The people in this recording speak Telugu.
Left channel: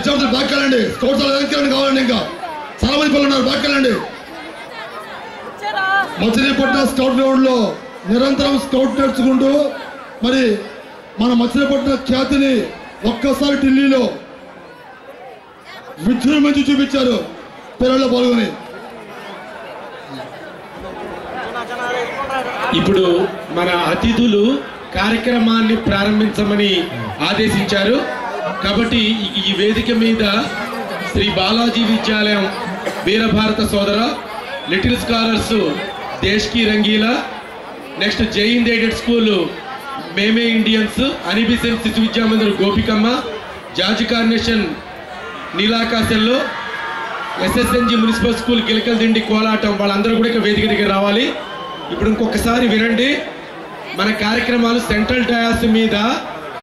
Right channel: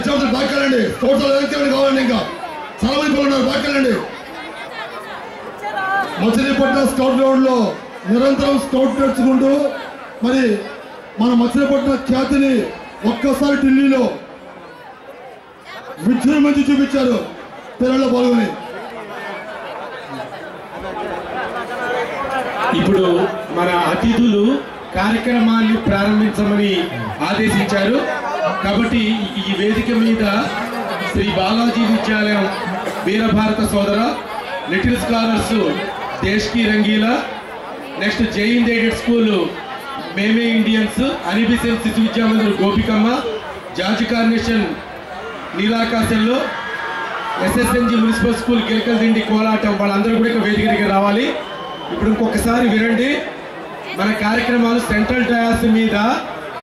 విద్యార్థులు బ్యాక్ వెళ్ళండి. స్కౌట్స్ కావాలండి. ఇంకా చాలా మంది పిల్లలు ఉన్నారు, బ్యాక్ వెళ్ళండి. మచిలీపట్నం స్కౌట్ గ్రౌండ్ లో నిరంతరం స్కౌట్ నేర్చుకుంటూ మరి మన మచిలీపట్నం ఖ్యాతిని ఒక్కసారి ఢిల్లీలో విజృంభించి చూపించారు పిల్లల్లో పాల్గొని. ఇప్పుడు మన అతిథులు కార్యక్రమాన్ని ప్రారంభించమని ఆదేశించారు. కాబట్టి ఈ వేదిక మీద శ్రీ బాలాజీ విద్యాలయం వీరభారత సోదర, లిటిల్ స్కాలర్స్ దేశ్ కి రంగీలా, నెక్స్ట్ జైన్ ఎయిడెడ్ స్కూల్ మేమే ఇండియన్స్, అనిబిసెన్ శిశు విద్యా మందిర్ గోపికమ్మ, జార్జ్ కార్నేషన్ నీలాకాశంలో, ఎస్ఎస్ఎన్జి మున్సిపల్ స్కూల్ గిలకల్ దిండి కోలాటం వాళ్ళందరూ కూడా ఇక వేదిక దగ్గర రావాలి. ఇప్పుడు ఇంకొకసారి వినండి. మన కార్యక్రమాలు సెంట్రల్ డయాస్ మీద